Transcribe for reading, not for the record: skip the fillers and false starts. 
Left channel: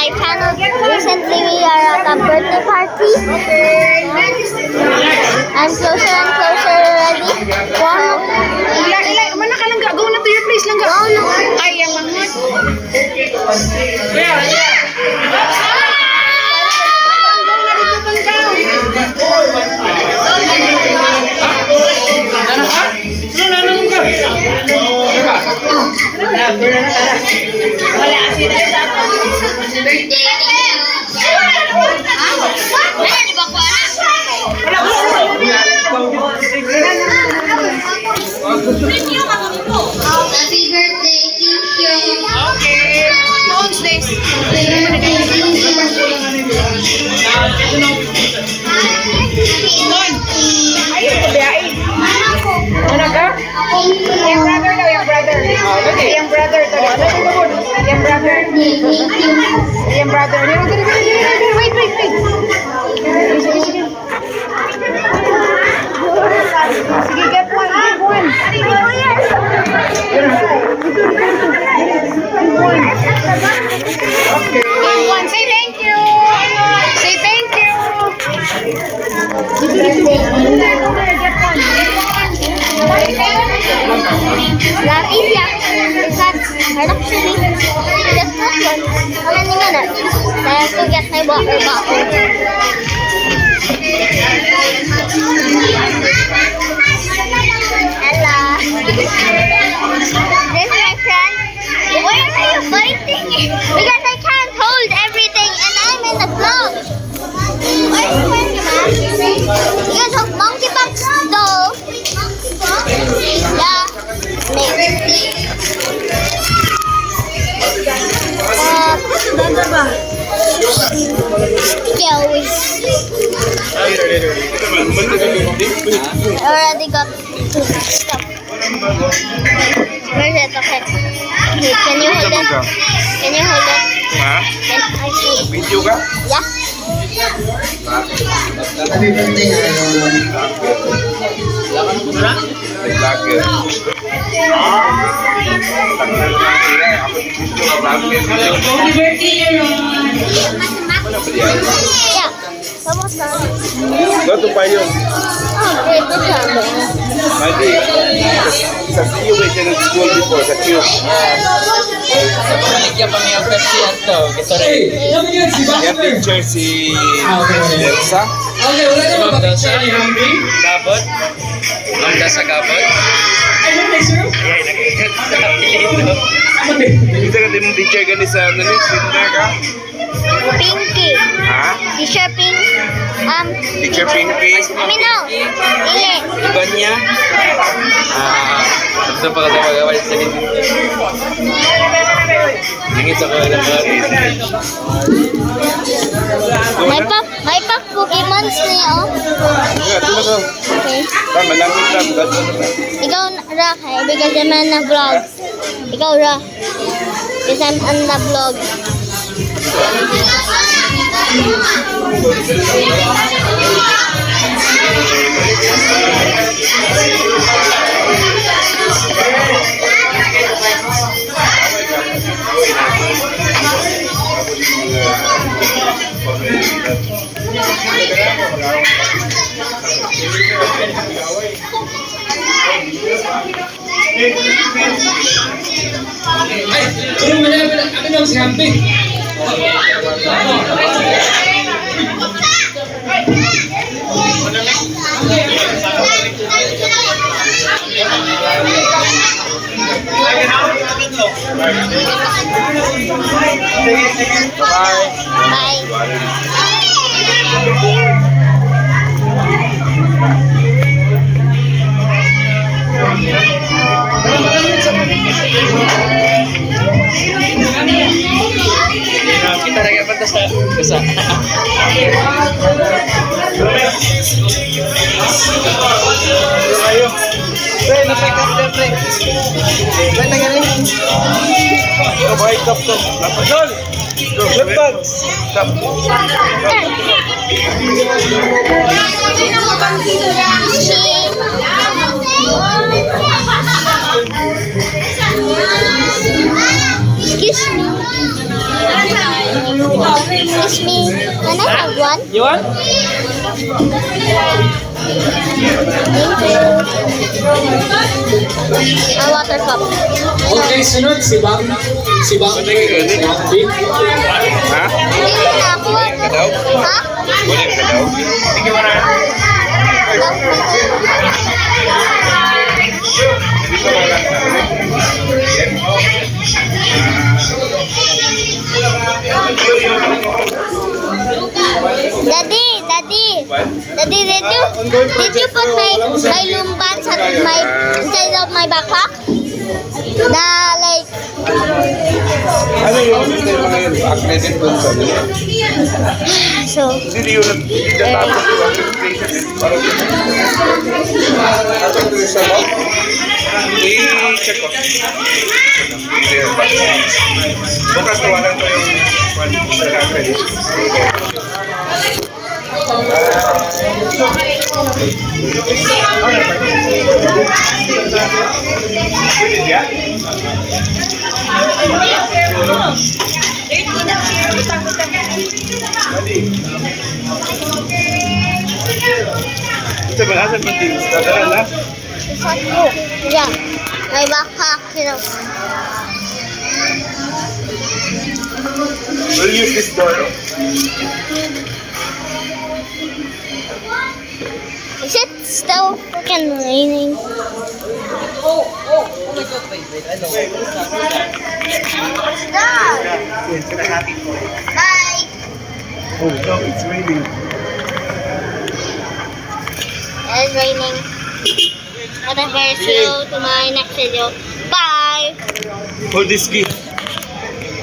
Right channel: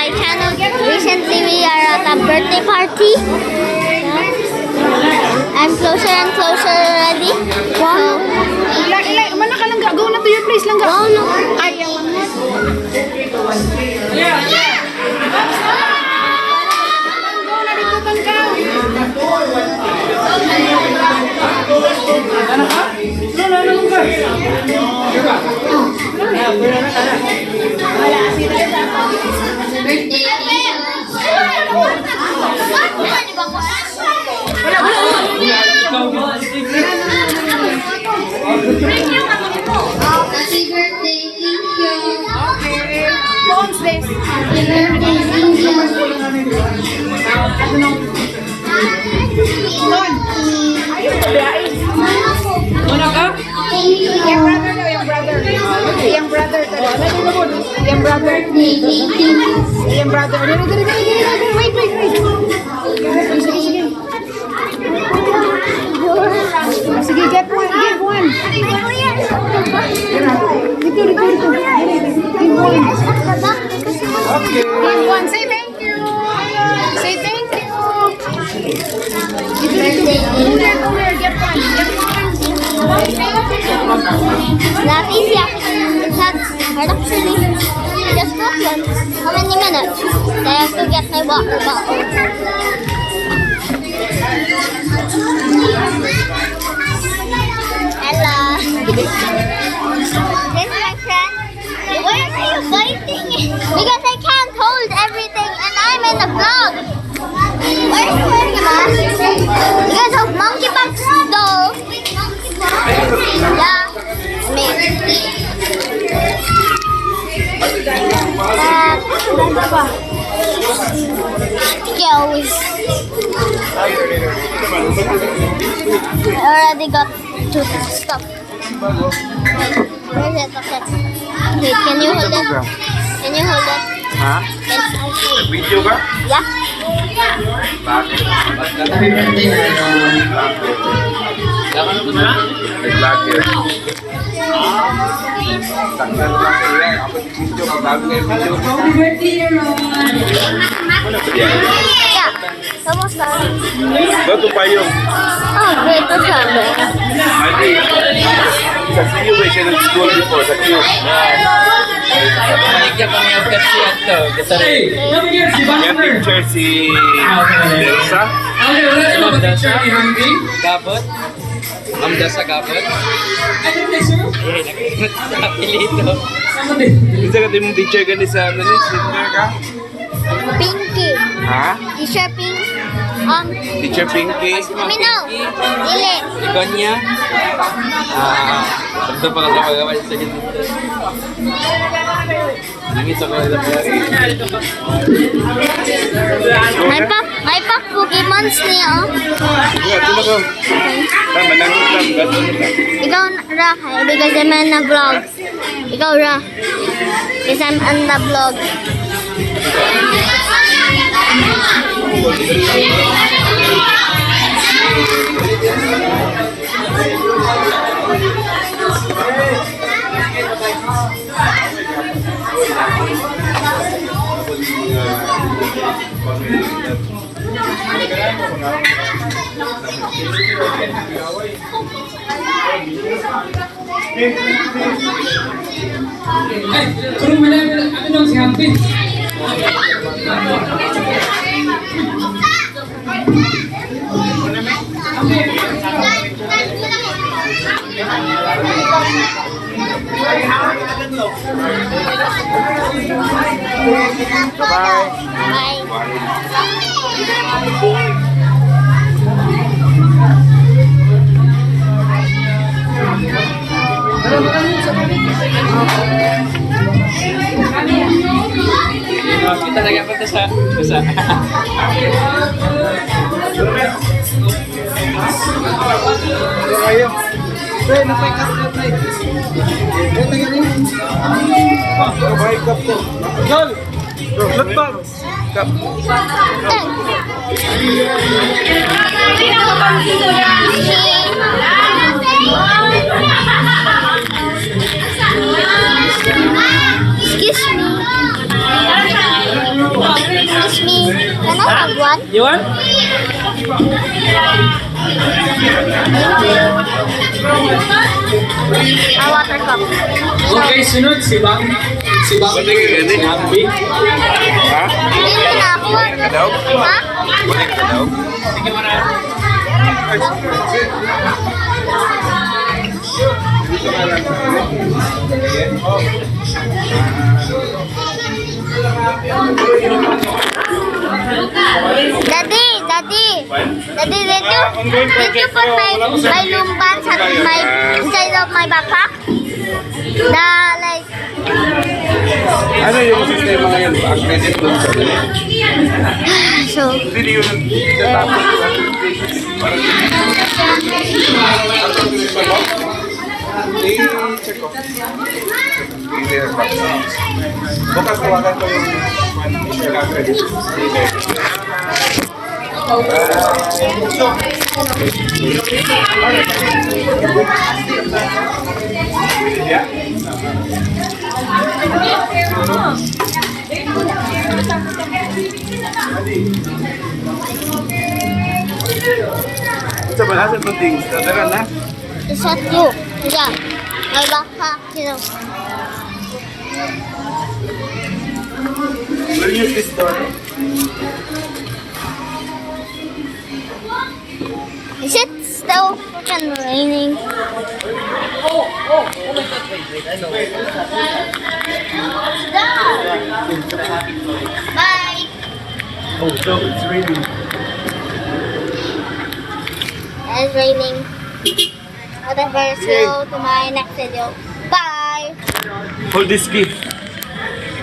my channel. Recently, we are at a birthday party. I'm closer and closer already. So, mana ka lang go na to your place lang ga. Ay, ang manghot. Happy birthday, thank you. Okay. Phones this. Mana ka? Yang brother daw, yang brother. Yang brother daw. Yang brother. Yang brother. Wait. Sige, get one. Give one. Okay. Give one. Say thank you. Say thank you. That easy actually. That's hard actually. Just not one. How many minutes? I have to get my water bottle. Hello. This is my friend. Why are you fighting? Because I can't hold everything and I'm in the vlog. Why are you wearing a mask? Because of monkeypox though. Yeah. Me. I already got to stop. Okay. Where's it? Okay. Okay, can you hold it? Can you hold it? Ha? Can I hold it? Video ka? Yeah. Nag-vlogger. Yeah. Kamusta? Doon pa yung Oh, great. No problem. Madi. Sa CU ka nag-school before, sa CU. Yan picture si Delsa. Ma'am Dasa? Gabot? Ma'am Dasa Gabot? Isa ka din mong teacher gani sa ano ni? Center ka? Pinky. Ha? Teacher Pink. Teacher Pinky? Minaw. Ile. Gonya? Ito pa kasi magawal sa dito. Dingit ako lang May pa Pokemons niya, oh. Ito na ko. Tama lang ito. Ikaw, Ra, kaya because I'm on the vlog. Ikaw, Ra. Because I'm on the vlog. Ay, turun mo na. Ano nang si Hampi? Bye. Kita lagi apa sa Ayo. Pre, na-pick up the flag. Pre, nagaling. Kabay kap to. Napagol. Let's Kap. Excuse me. Excuse me. Can I have one? You want? Thank you. A water cup. Okay, sunod si Bang. Si Bang. Si Hambi. Ha? Hindi na ako. Ha? Wala ka daw? Sige mo na. Dito ka lang. Daddy, did you put my lumbans inside of my backpack? Like, Ano yung sistema ngayon? Accredit doon sa ano? so, Hindi yun natapos yung accreditation. Para sa accreditation mo? I-check ko. Bukas tawagan ko yung accreditation. Ito ba? Asan ba din? Dadala na? it's at you. Yeah, my backpack, We'll use this door. Is it still freaking raining? Bye. Oh, no, it's raining. It's raining. Whatever, see you to my next video. Bye. Hold this key.